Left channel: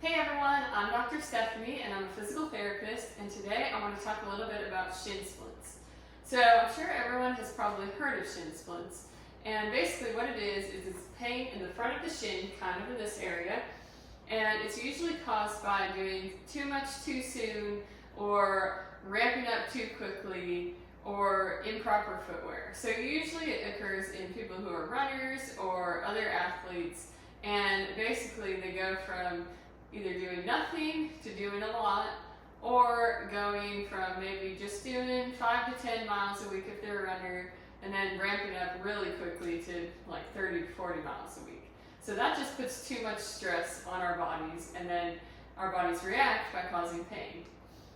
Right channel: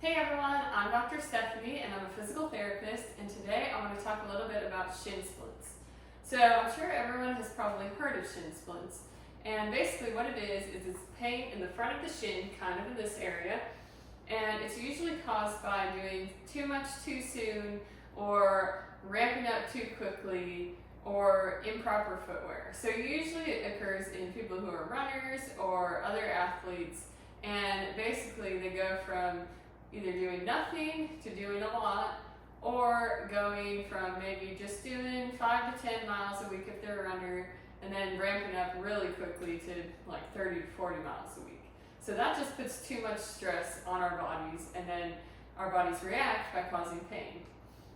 Hey everyone, I'm Dr. Stephanie and I'm a physical therapist, and today I want to talk a little bit about shin splints. So I'm sure everyone has probably heard of shin splints, and basically what it is it's pain in the front of the shin, kind of in this area, and it's usually caused by doing too much too soon or ramping up too quickly or improper footwear. So usually it occurs in people who are runners or other athletes, and basically they go from either doing nothing to doing a lot, or going from maybe just doing 5 to 10 miles a week if they're a runner, and then ramping up really quickly to like 30 to 40 miles a week. So that just puts too much stress on our bodies, and then our bodies react by causing pain.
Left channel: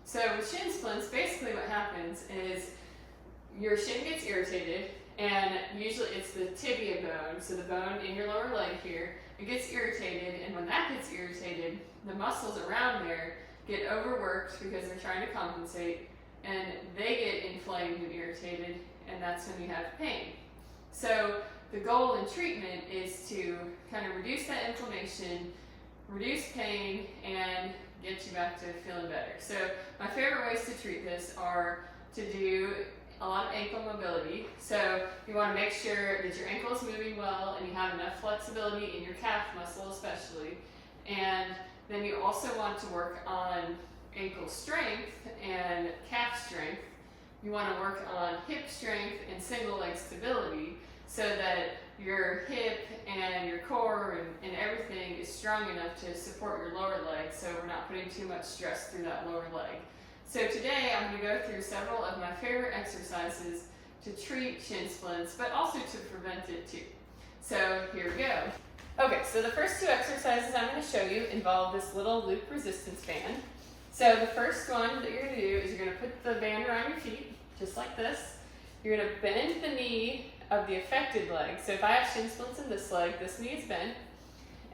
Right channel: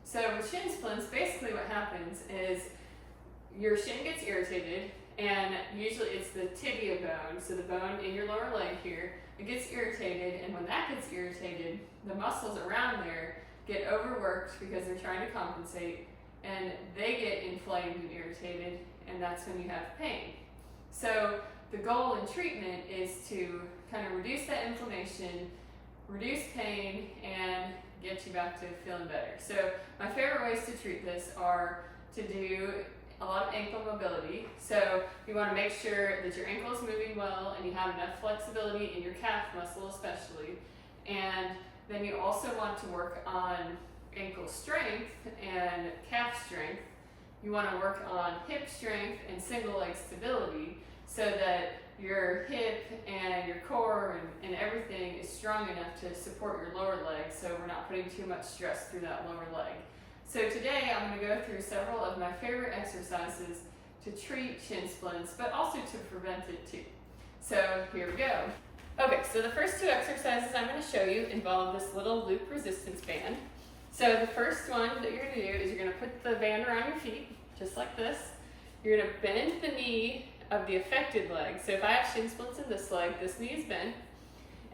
So with shin splints, basically what happens is your shin gets irritated, and usually it's the tibia bone, so the bone in your lower leg here, it gets irritated, and when that gets irritated, the muscles around there get overworked because they're trying to compensate, and they get inflamed and irritated, and that's when you have pain. So the goal in treatment is to kind of reduce that inflammation, reduce pain, and get you back to feeling better. So my favorite ways to treat this are to do a lot of ankle mobility. So you want to make sure that your ankle is moving well and you have enough flexibility in your calf muscle especially. And then you also want to work on ankle strength and calf strength. You want to work on hip strength and single leg stability so that your hip and your core and everything is strong enough to support your lower leg, so we're not putting too much stress through that lower leg. So today I'm going to go through several of my favorite exercises to treat shin splints, but also to prevent it too. So here we go. Okay, so the first two exercises I'm going to show you involve this little loop resistance band. So the first one that you're going to do is you're going to put the band around your feet, just like this. You're going to bend the knee of the affected leg. So if I have shin splints in this leg, this knee is bent.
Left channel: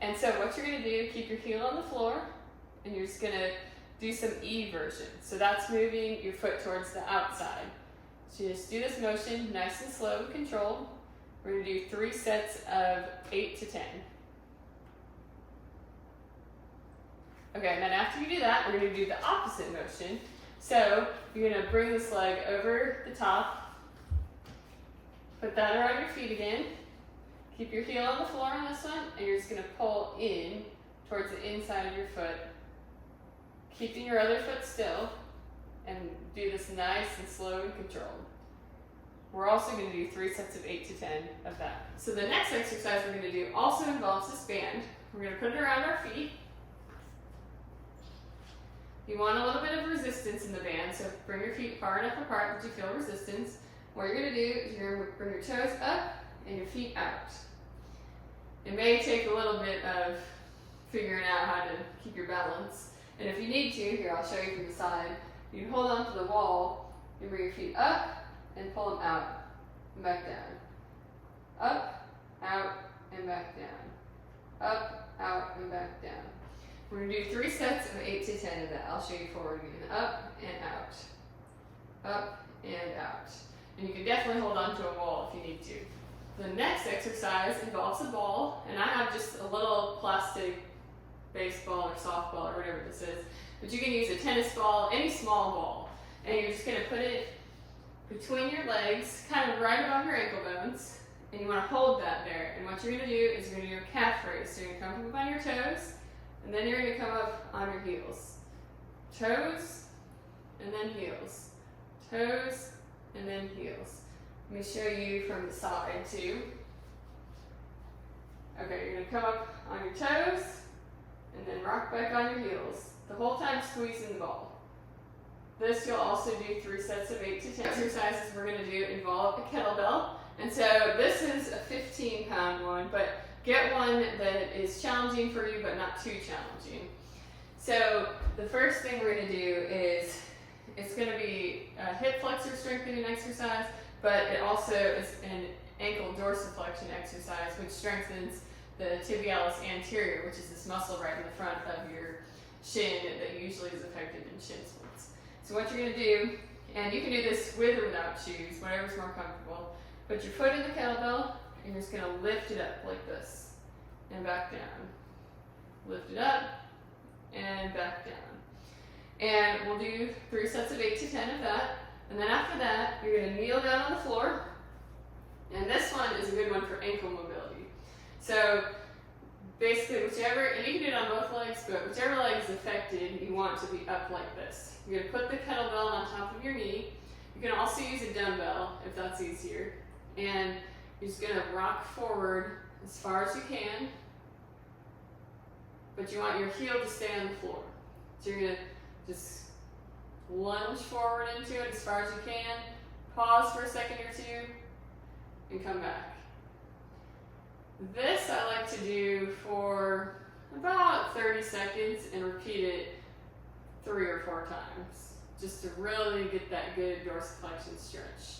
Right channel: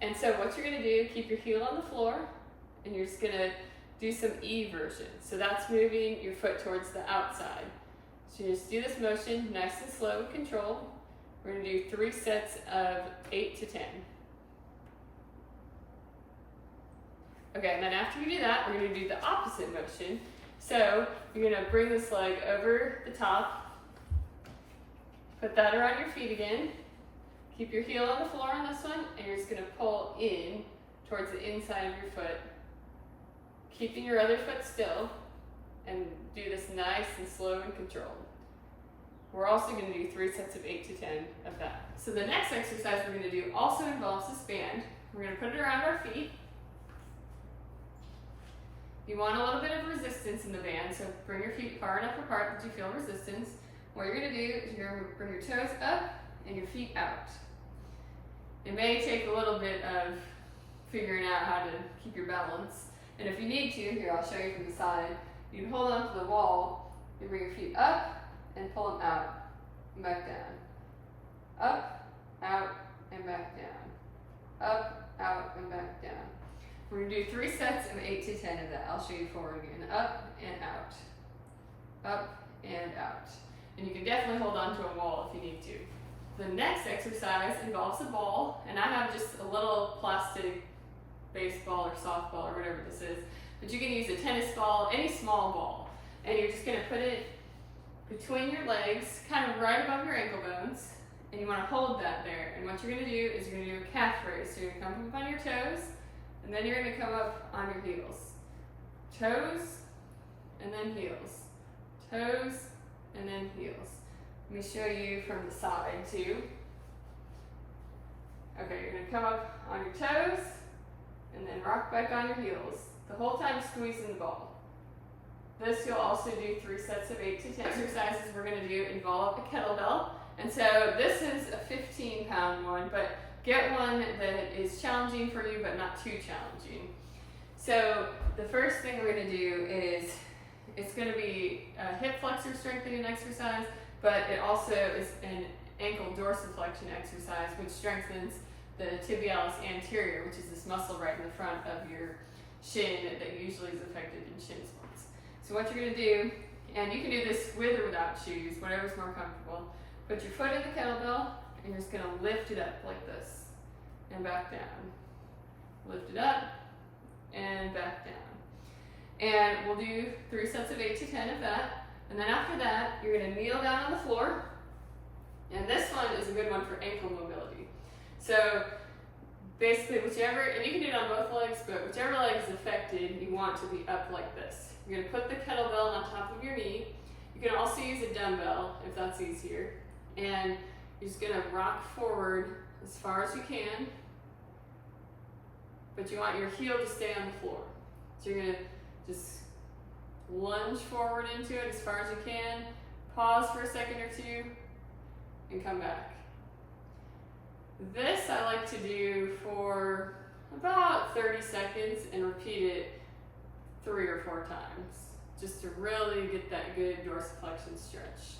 And so what you're going to do, keep your heel on the floor, and you're just going to do some eversion. So that's moving your foot towards the outside. So you just do this motion nice and slow and controlled. We're going to do 3 sets of 8 to 10. Okay, and then after you do that, we're going to do the opposite motion. So you're going to bring this leg over the top, put that around your feet again, keep your heel on the floor on this one, and you're just going to pull in towards the inside of your foot, keeping your other foot still, and do this nice and slow and controlled. We're also going to do 3 sets of 8 to 10 of that. So the next exercise we're going to do also involves this band. We're going to put it around our feet. You want a little bit of resistance in the band, so bring your feet far enough apart that you feel resistance. What you're going to do is you're going to bring your toes up and your feet out. It may take a little bit of figuring out how to keep your balance. And if you need to, here I'll show you from the side, you can hold on to the wall and bring your feet up and pull them out and back down. Up, out, and back down. Up, out, and back down. We're going to do 3 sets of 8 to 10 of that. I'll show you forward again. Up and out. Up and out. And you can definitely hold on to a wall if you need to. The next exercise involves a ball, and I have just a little plastic baseball or softball or whatever this is, but you can use a tennis ball, any small ball, and you're just going to put it between your legs, kind of right above your ankle bones, and you want to hold that there. And what you're going to do is you're going to do a calf raise. So you're going to come up on your toes, and then you're going to come up on your heels. Toes, and then heels. Toes, and then heels. Let me show you from the side too. Okay, you're going to come up on your toes, and then rock back on your heels. The whole time squeezing the ball. This you'll also do 3 sets of 8 to 10 exercises we're going to do involve a kettlebell. And so this is a 15-pound one, but get one that is challenging for you but not too challenging. So the first thing we're going to do is, it's going to be a hip flexor strengthening exercise, but it also is an ankle dorsiflexion exercise, which strengthens the tibialis anterior, which is this muscle right in the front of your shin that usually is affected in shin splints. So what you're going to do, and you can do this with or without shoes, whatever's more comfortable, put your foot in the kettlebell and you're just going to lift it up like this and back down. Lift it up and back down. And we'll do 3 sets of 8 to 10 of that. And then after that, you're going to kneel down on the floor. And this one is a good one for ankle mobility. So basically whichever, and you can do it on both legs, but whichever leg is affected, you want to be up like this. You're going to put the kettlebell on top of your knee. You can also use a dumbbell if that's easier. And you're just going to rock forward as far as you can, but you want your heel to stay on the floor. So you're going to just lunge forward into it as far as you can, pause for a second or two, and come back. This I like to do for about 30 seconds and repeat it 3 or 4 times, just to really get that good dorsiflexion stretch.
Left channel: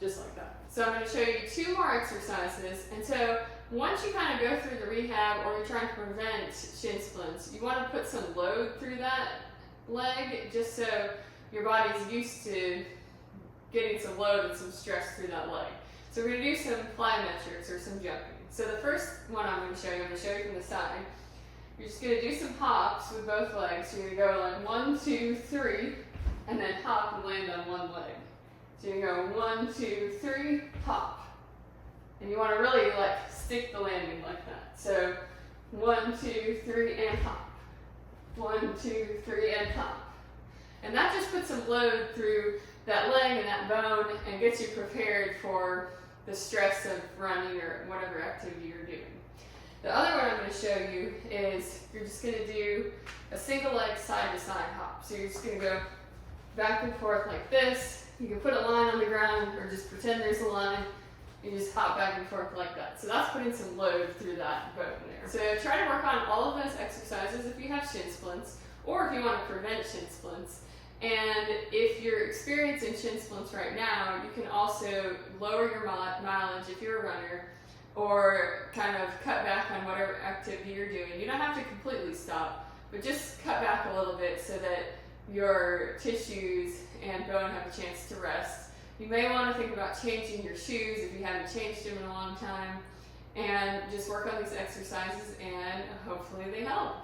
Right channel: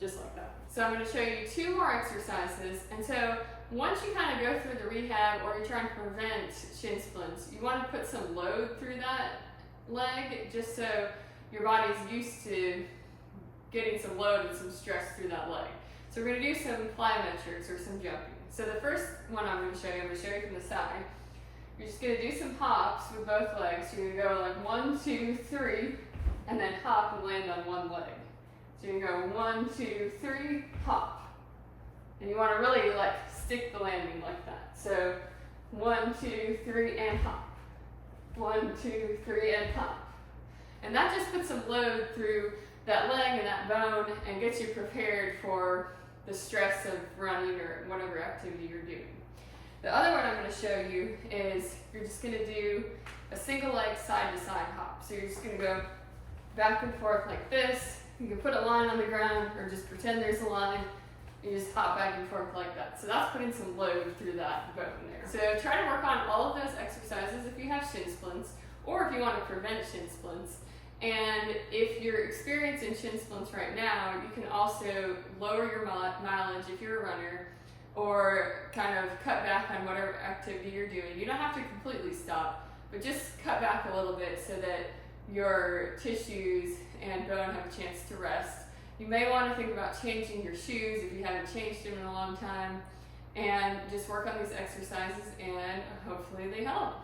Just like that. So I'm going to show you 2 more exercises. And so once you kind of go through the rehab or you're trying to prevent shin splints, you want to put some load through that leg just so your body is used to getting some load and some stress through that leg. So we're going to do some plyometrics or some jumping. So the first one I'm going to show you from the side. You're just going to do some hops with both legs. You're going to go like 1, 2, 3, and then hop and land on one leg. So you go 1, 2, 3, hop. And you want to really like stick the landing like that. So 1, 2, 3, and hop. 1, 2, 3, and hop. And that just puts some load through that leg and that bone and gets you prepared for the stress of running or whatever activity you're doing. The other one I'm going to show you is you're just going to do a single leg side to side hop. So you're just going to go back and forth like this. You can put a line on the ground or just pretend there's a line. You just hop back and forth like that. So that's putting some load through that bone there. So try to work on all of those exercises if you have shin splints or if you want to prevent shin splints. And if you're experiencing shin splints right now, you can also lower your mileage if you're a runner or kind of cut back on whatever activity you're doing. You don't have to completely stop, but just cut back a little bit so that your tissues and bone have a chance to rest. You may want to think about changing your shoes if you haven't changed them in a long time, and just work on these exercises and hopefully they help.